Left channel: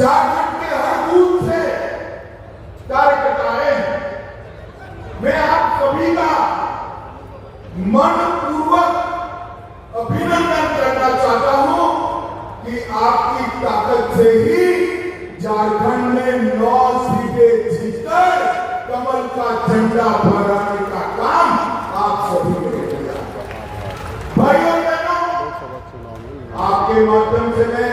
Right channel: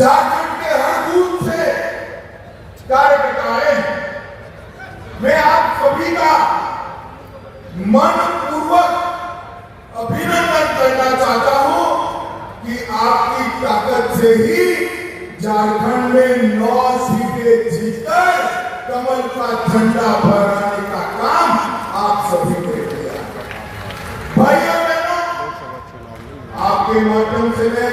झारखंड के हर बूथ से कार्यकर्ता आए हैं। मैं आप सभी का मनपूर्वक अभिनंदन करना चाहता हूं कि आपकी ताकत से ही झारखंड में 9 सीटें जीतकर कमल का झंडा फहराने का काम आप सभी ने किया। भाइयों बहनों, आपके माध्यम से मैं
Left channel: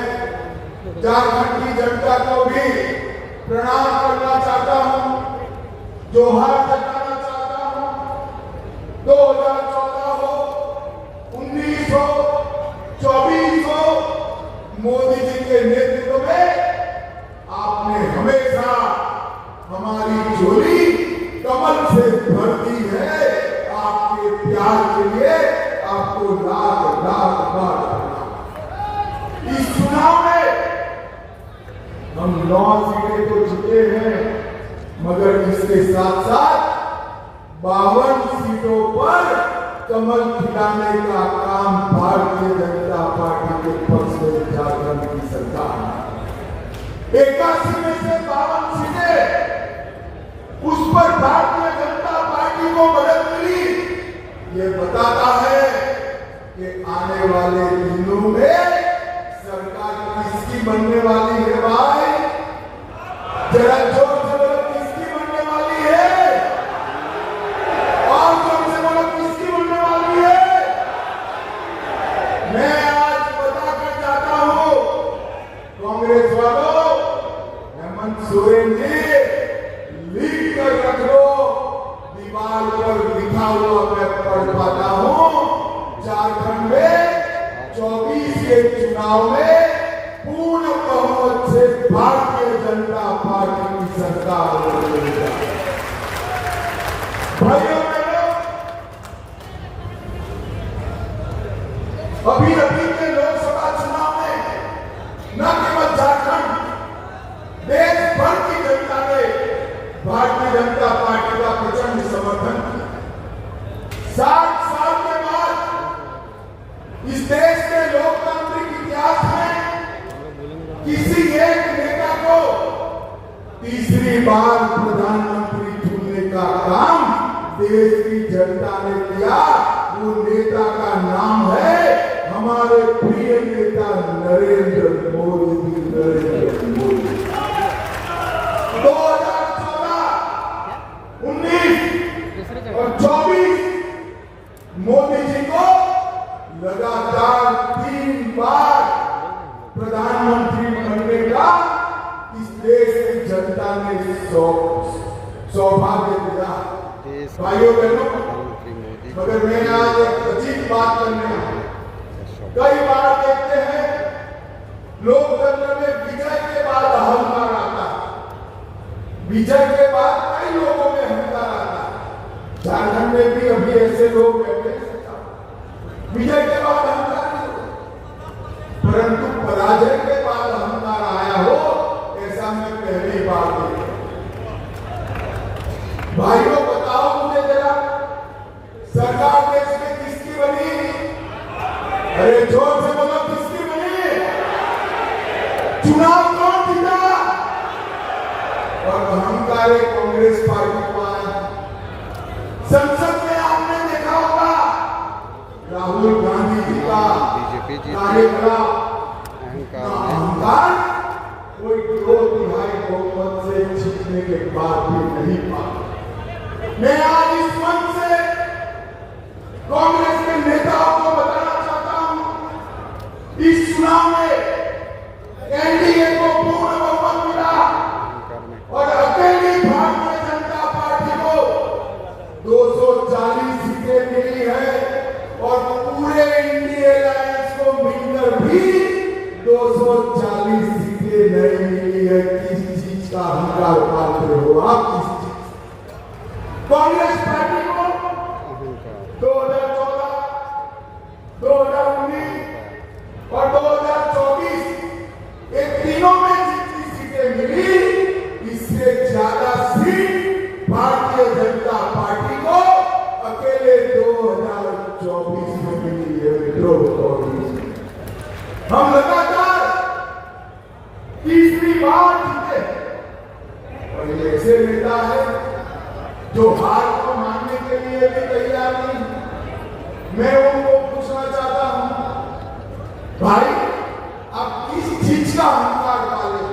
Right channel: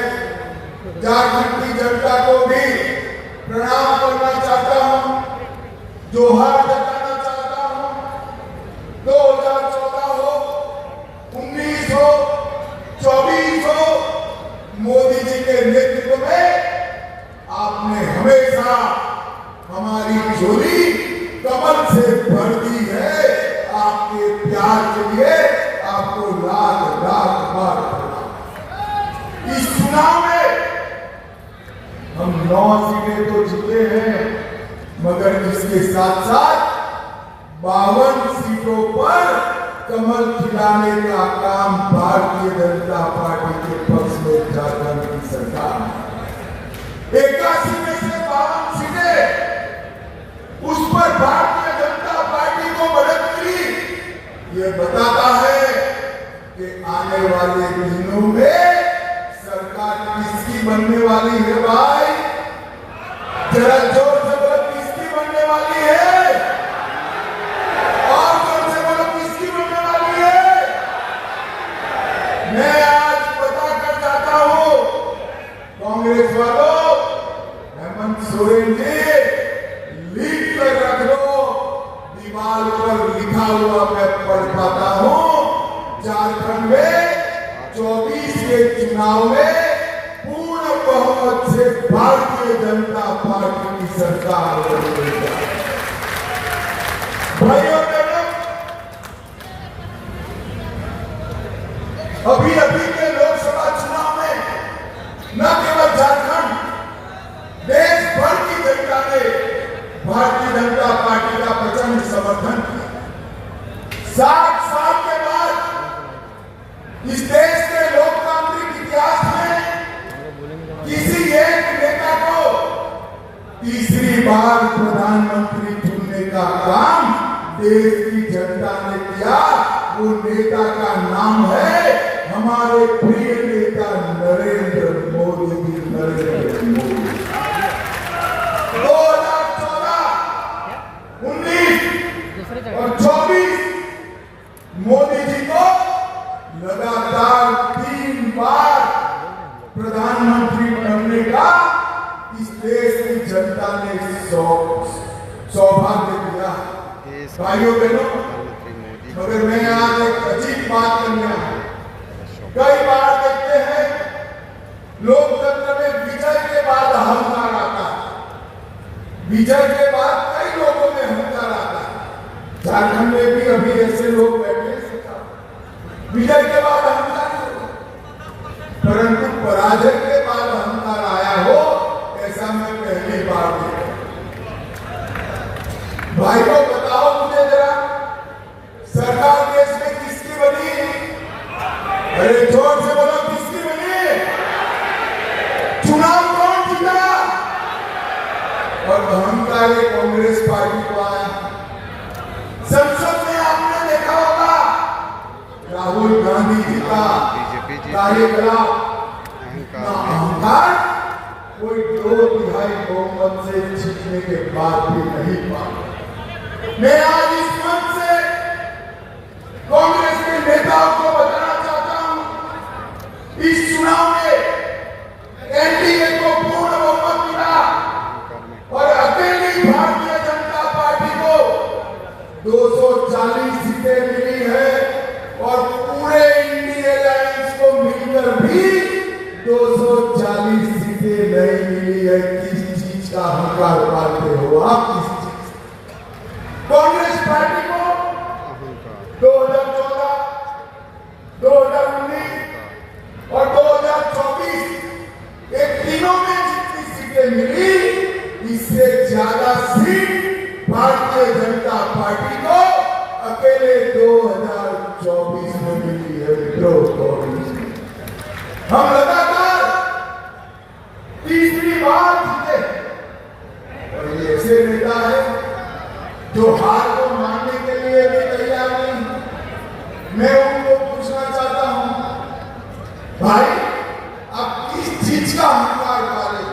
झारखंड की जनता को भी प्रणाम करना चाहता हूं, जोहार जताना चाहता हूं। 2014 हो, 19 हो, 24 हो, मोदी जी के नेतृत्व में आपने हमेशा हमारी झोली कमल से भर दी है। आपके प्यार के लिए आपको लाख लाख बार प्रणाम। इस चुनाव में हम 9 सीटें तो जीते हैं, मगर इसके साथ साथ 52 सीटों पर कमल खिलाने का काम भारतीय जनता पार्टी के पक्ष में झारखंड की सरकार ने 81 में से 52 सीटें उस पर भारतीय जनता पार्टी को बढ़त मिली। ये बताता है कि आने वाले दिनों में सरकार किसकी बनने वाली है। भाई जरा जोर से बोलो, किसकी बनने वाली है? और जोर से बोलो, किसकी बनने वाली है? मैं आज बताकर जाता हूं कांग्रेस वालों, हेमंत सोरेन जी लिख कर रख दो, दीवार पर लिखा हुआ मैं पढ़ पाता हूं। झारखंड में 24 के चुनाव में पूर्ण बहुमत से भारतीय जनता पार्टी की सरकार बनेगी। भाइयों बहनों, अभी के लोकसभा चुनाव में न केवल झारखंड, देश भर की जनता ने भारतीय जनता पार्टी का प्रचंड समर्थन किया। 7 साल के बाद इस देश के लोकतांत्रिक इतिहास में किसी एक नेता को तीसरी बार प्रधानमंत्री चुनने का काम देश की जनता ने किया। वो नेता का नाम है हमारे प्रिय नेता नरेंद्र मोदी जी। नरेंद्र मोदी 2014, 19 और 24 मोदी जी को लगातार 3 बार प्रधानमंत्री बनने का इस देश की जनता ने सौभाग्य दिया। भाइयों बहनों, मगर मैं आज एक अजीब बात करने आया। कई बार देखते हैं लोकतंत्र में विजय के बाद अहंकार आता है, विजय के बाद कई लोगों में अहंकार आता है। झारखंड में भी अभी ऐसे लोग बैठे, विजय के बाद अहंकार होता, परंतु पराजय के बाद अहंकार आया हो, ऐसा मैं पहली बार देखा। भाइयों बताओ मुझे जरा, सरकार देश में किसकी बनी? अरे जोर से बोलो, किसकी बनी? चुनाव कौन जीता? और अहंकारी कांग्रेस पार्टी को आया। संसद में आपने देखा होगा राहुल गांधी जी का कार्यकलाप, अहंकार कोई 2/3 बहुमत से जीतने के बाद भी नहीं पाया। मैं आज इस मंच से कांग्रेस के नेताओं को बताना चाहता हूं, इस चुनाव में एनडीए को पूर्ण बहुमत मिला और अकेली भारतीय जनता पार्टी को 240 सीटें मिली है और पूरे इंडिया अलायंस को मिलकर भी 240 सीटें नहीं मिली है। किस चीज का अहंकार पाते हो आप? किस चीज? कांग्रेस पार्टी को 2014, 2019 और 2024 एक तीनों में जितनी सीटें मिली, इससे ज्यादा सीट भारतीय जनता पार्टी को अकेले 2024 में मिली है। हम लगातार तीसरी बार जीते। और ये ऐसे नेता है जो हार को मानने के लिए भी तैयार नहीं। मैं उनको पूछना चाहता हूं, भाई आप किस चीज का अहंकार पाले?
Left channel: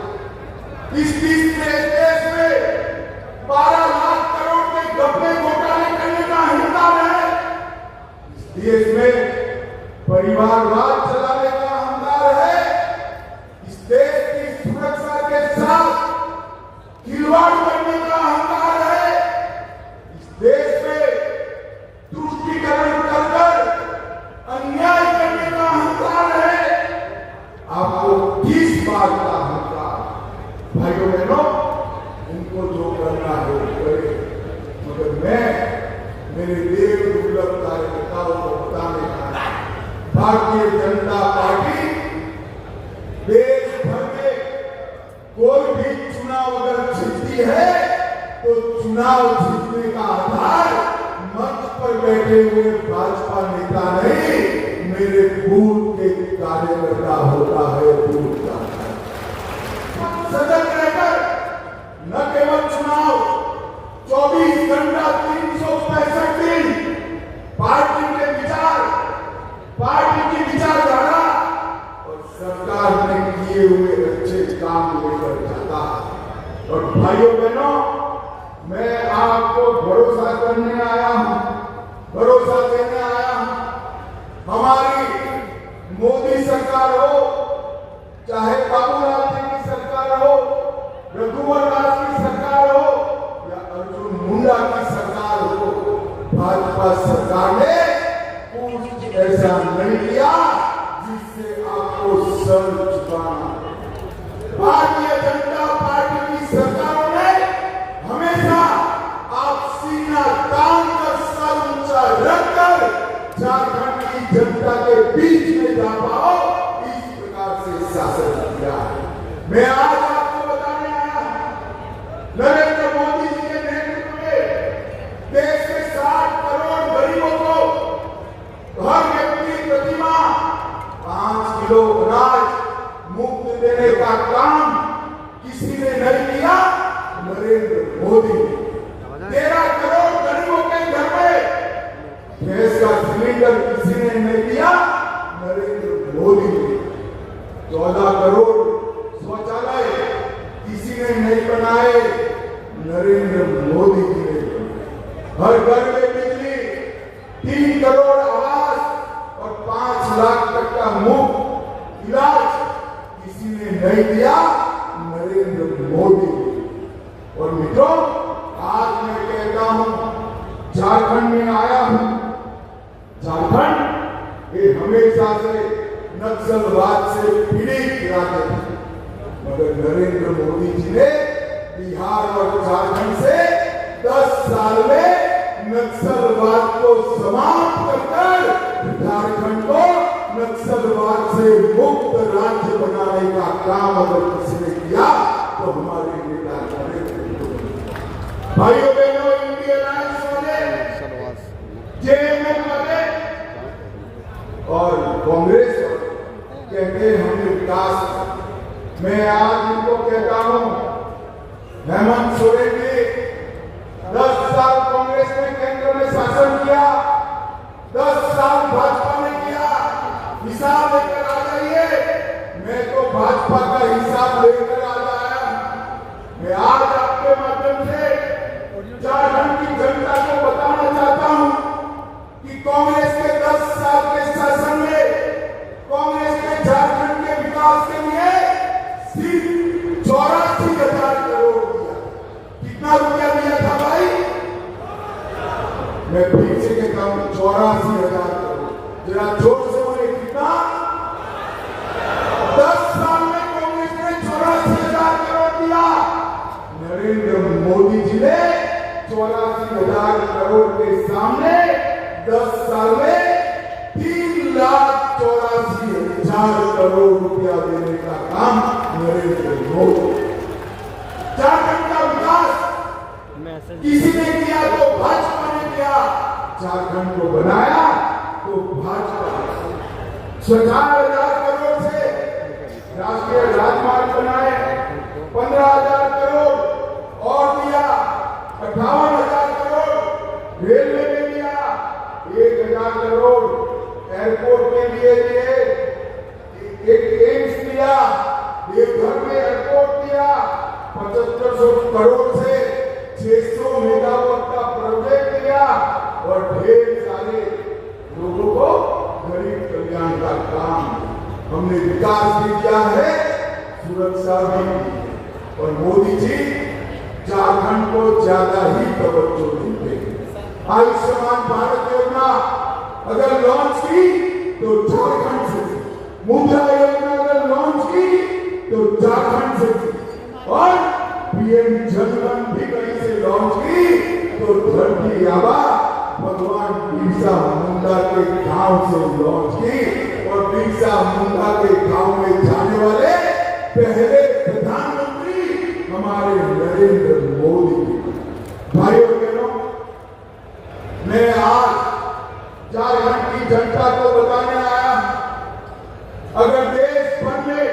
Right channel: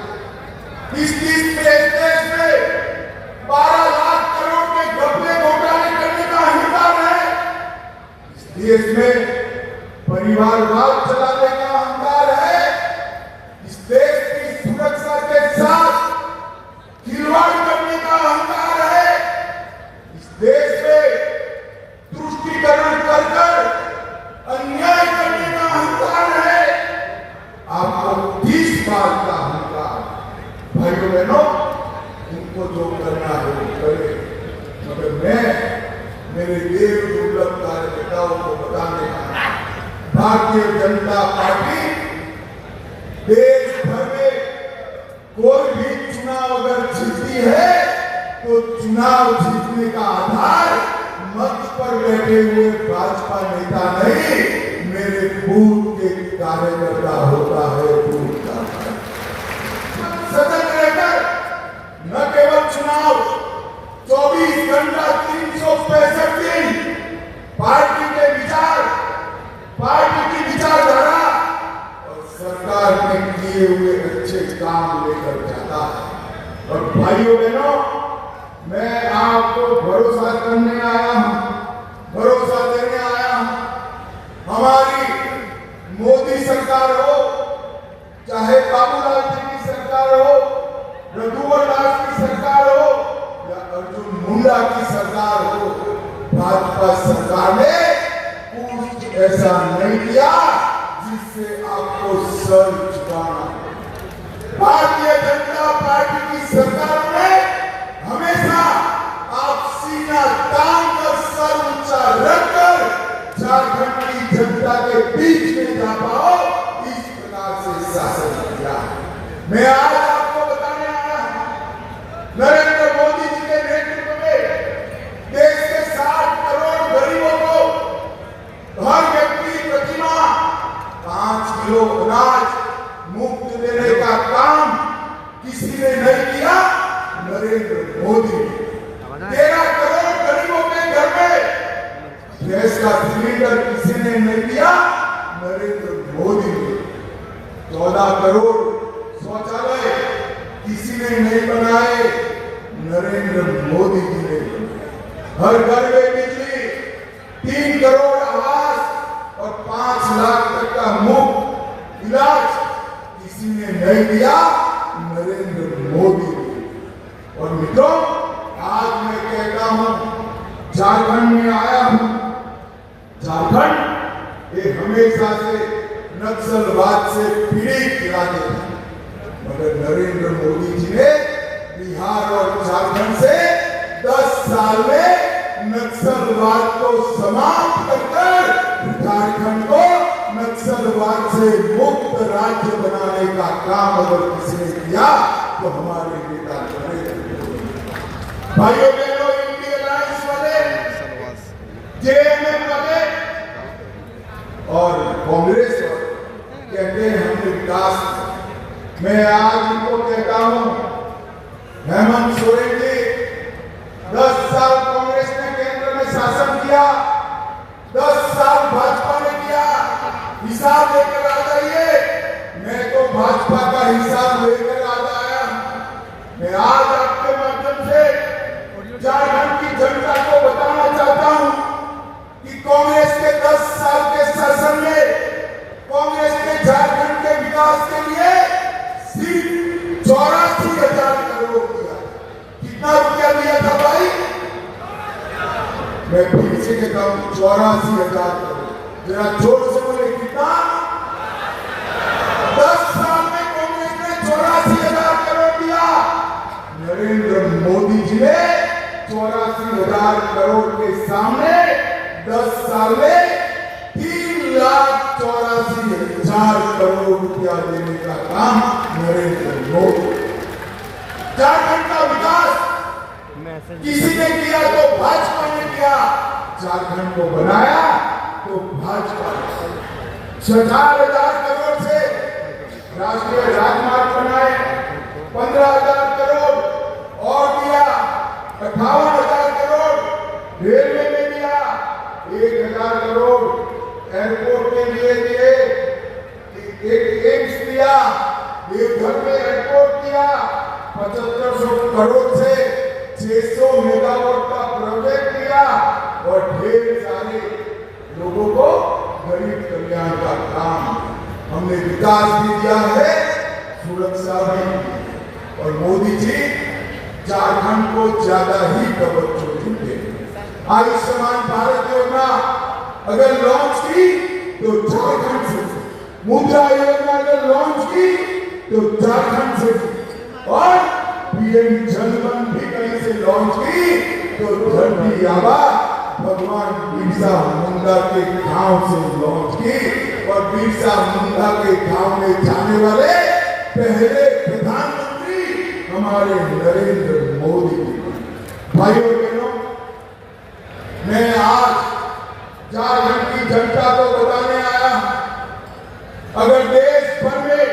इस देश में 12 लाख करोड़ के घपले घोटाले करने का अहंकार है। इस देश में परिवारवाद चलाने का अहंकार है। इस देश की सुरक्षा के साथ खिलवाड़ करने का अहंकार है। इस देश में तुष्टीकरण कर अन्याय करने का अहंकार है। आपको 30 बार का अहंकार, भाइयों बहनों, उनको जो करना है वो करे। मगर मैं मेरे देश दुर्लभ कार्यकर्ताओं को बताने का, भारतीय जनता पार्टी देश भर में कोई भी चुनाव अगर जीतती है तो चुनाव जीतने का आधार मंच पर बैठे हुए भाजपा नेता नहीं, मेरे बूथ के कार्यकर्ता होता है। बूथ का सतर्क रहकर न केवल चुनाव 24 घंटा 365 दिन पार्टी के विचार, पार्टी की विचारधारा और सरकार ने किए हुए अच्छे काम लेकर जाता है। और भाइयों बहनों, मैं आपको भरोसा करने आया हूं, भरोसा देने आया हूं। हमारी मोदी सरकार हो, चाहे बाबूलाल जी की सरकार हो, रघुवर दास की सरकार हो या अर्जुन मुंडा की सरकार हो, भाजपा सरकार ने कुछ ऐसा नहीं किया जिससे आपको सर झुकाना। भारतीय जनता पार्टी की सरकार ने हमेशा आप सीना तान कर सर ऊंचा रखकर झारखंड की जनता के बीच में जा पाओ, इस प्रकार से शासन किया। मैं आज आपको बताने आया हूं, नरेंद्र मोदी जी के नेतृत्व में देश के 60 करोड़ गरीबों को हर व्यक्ति प्रति माह 5 किलो अनाज मुफ्त देने का काम किसी ने नहीं किया, नरेंद्र मोदी। 13 करोड़ गरीबों के घर में गैस का सिलेंडर किसी ने नहीं दिया, नरेंद्र मोदी। 14 करोड़ शौचालय किसी ने नहीं बनाए, नरेंद्र मोदी जी ने बनाए। हर घर में बिजली, 3 करोड़ आवास और 5 लाख तक का मुफ्त इलाज किसी ने नहीं दिया, नरेंद्र मोदी। और मित्रों, आज मैं कहता हूं, झारखंड में आया हूं। झारखंड ये हमेशा से नक्सलवाद से पीड़ित राज्य था, मगर नरेंद्र मोदी जी ने बिहार और झारखंड से 10 साल में नक्सलवाद को समाप्त कर झारखंड को नक्सलवाद से मुक्त राज्य बनाने का काम अगर किसी ने किया तो हमारे नेता भाइयों बहनों, इंडियन अलायंस वाले, जेएमएम वाले और कांग्रेस कहते हैं हमने विकास। मैं आज इनको कहता हूं, हेमंत सोरेन जी 10 साल कांग्रेस ने केंद्र में शासन किया, 10 साल भाजपा ने किया। हिसाब लेकर आ जाइए। मैं तो भाजपा का हिसाब लेकर आ जाया। मैं आज आपके माध्यम से झारखंड की जनता को बताना चाहता हूं कि कांग्रेस के 10 साल के शासन में कांग्रेस ने झारखंड के विकास के लिए सिर्फ 84,000 करोड़ दिया। कितना रुपया दिया था भाई? मैं फिर से कहता हूं 84,000 करोड़। जरा जोर से बोले, कितना? 10 साल में कांग्रेस ने 84,000 करोड़ दिया। नरेंद्र मोदी जी ने 84,000 करोड़ के सामने 10 साल में 3,84,000 करोड़ रुपया देने का काम नरेंद्र मोदी। झारखंड का विकास किसी ने किया तो भाजपा ने किया, झारखंड को बनाया तो भाजपा। 4,000 करोड़ से राष्ट्रीय राजमार्ग बनाए, करोड़ से 600 मेगावाट का प्रोजेक्ट किया और ढेर सारे लोगों को गरीब कल्याण का काम हमने विकास भी किया है, सुरक्षा भी की। और मोदी जी झारखंड को ज्यादा ही तवज्जो देंगे। आयुष्मान भारत योजना अगर लॉन्च की तो झारखंड से, मुद्रा योजना अगर लॉन्च की तो झारखंड से, और पीएम जनधन भी कहीं से लॉन्च की तो धरती आबा भगवान बिरसा मुंडा के गांव से लॉन्च की। और बिरसा मुंडा के गांव में जाने वाले पहले प्रधानमंत्री हमारे नरेंद्र मोदी जी। भाइयों बहनों, मैं आज झारखंड की जनता को बताने आया, अगर देश भर में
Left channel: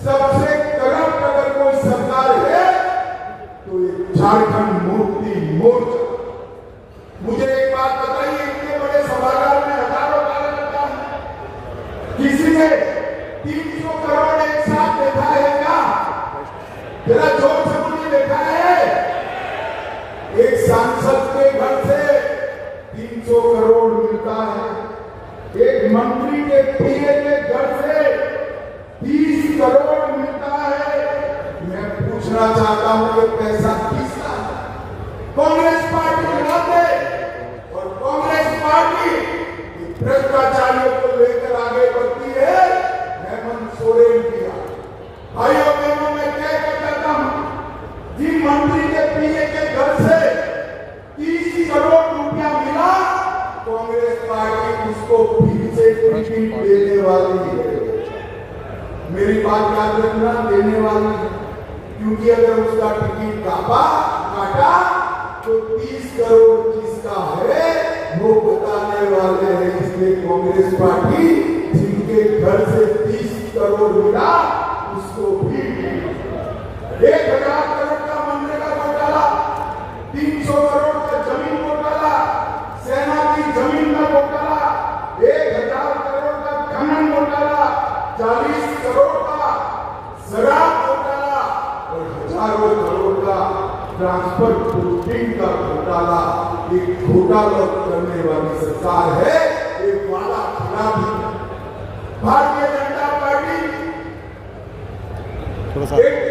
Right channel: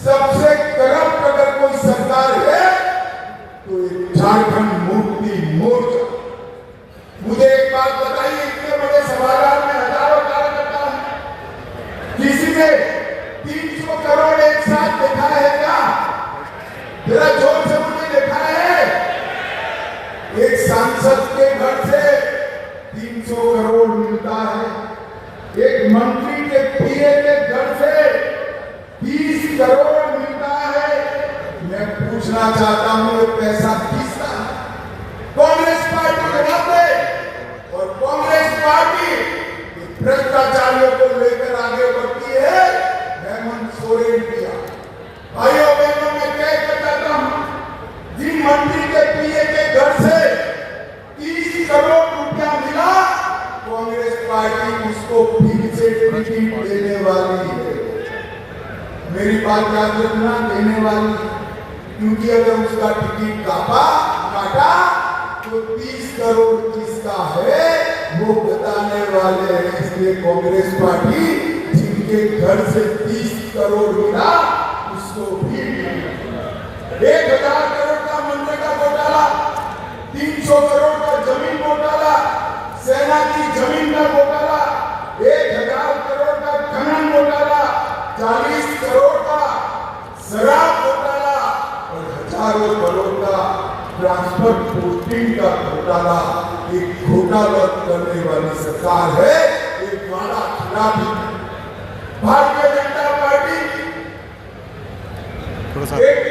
सबसे करप्ट अगर कोई सरकार है तो ये झारखंड मुक्ति मोर्चा। मुझे एक बात बताइए, इतने बड़े सभागार में हजारों कार्यकर्ता हैं, किसी ने 300 करोड़ एक साथ देखा है क्या? जरा जोर से मुझे देखा है? एक सांसद के घर से 300 करोड़ मिलता है, एक मंत्री के पीए के घर से 30 करोड़ मिलता है। मैं पूछना चाहता हूं, ये पैसा किसका है? कांग्रेस पार्टी बनाते, और कांग्रेस पार्टी भ्रष्टाचारियों को लेकर आगे बढ़ती है। हेमंत सोरेन किया। भाइयों बहनों, मैं कहना चाहता हूं, जिन मंत्री के पीए के घर से 30 करोड़ रुपया मिला, कांग्रेस पार्टी उसको फिर से टिकट देने वाली है। मेरी बात याद रखना, देने वाली, क्योंकि अगर उसका टिकट काटा तो 30 करोड़ जिसका है वो बताने वाले हैं। इसलिए कांग्रेस पार्टी जिनके घर से 30 करोड़ मिला उसको भी 1000 करोड़ का मनरेगा घोटाला, 300 करोड़ का जमीन घोटाला, सेना की जमीन का घोटाला, 1000 करोड़ का खनन घोटाला, 40 करोड़ का शराब घोटाला और हजारों करोड़ का ट्रांसफर पोस्टिंग का घोटाला। एक घोटाला करने वाली सरकार है, एक वादा खिलाफी। भारतीय जनता पार्टी एक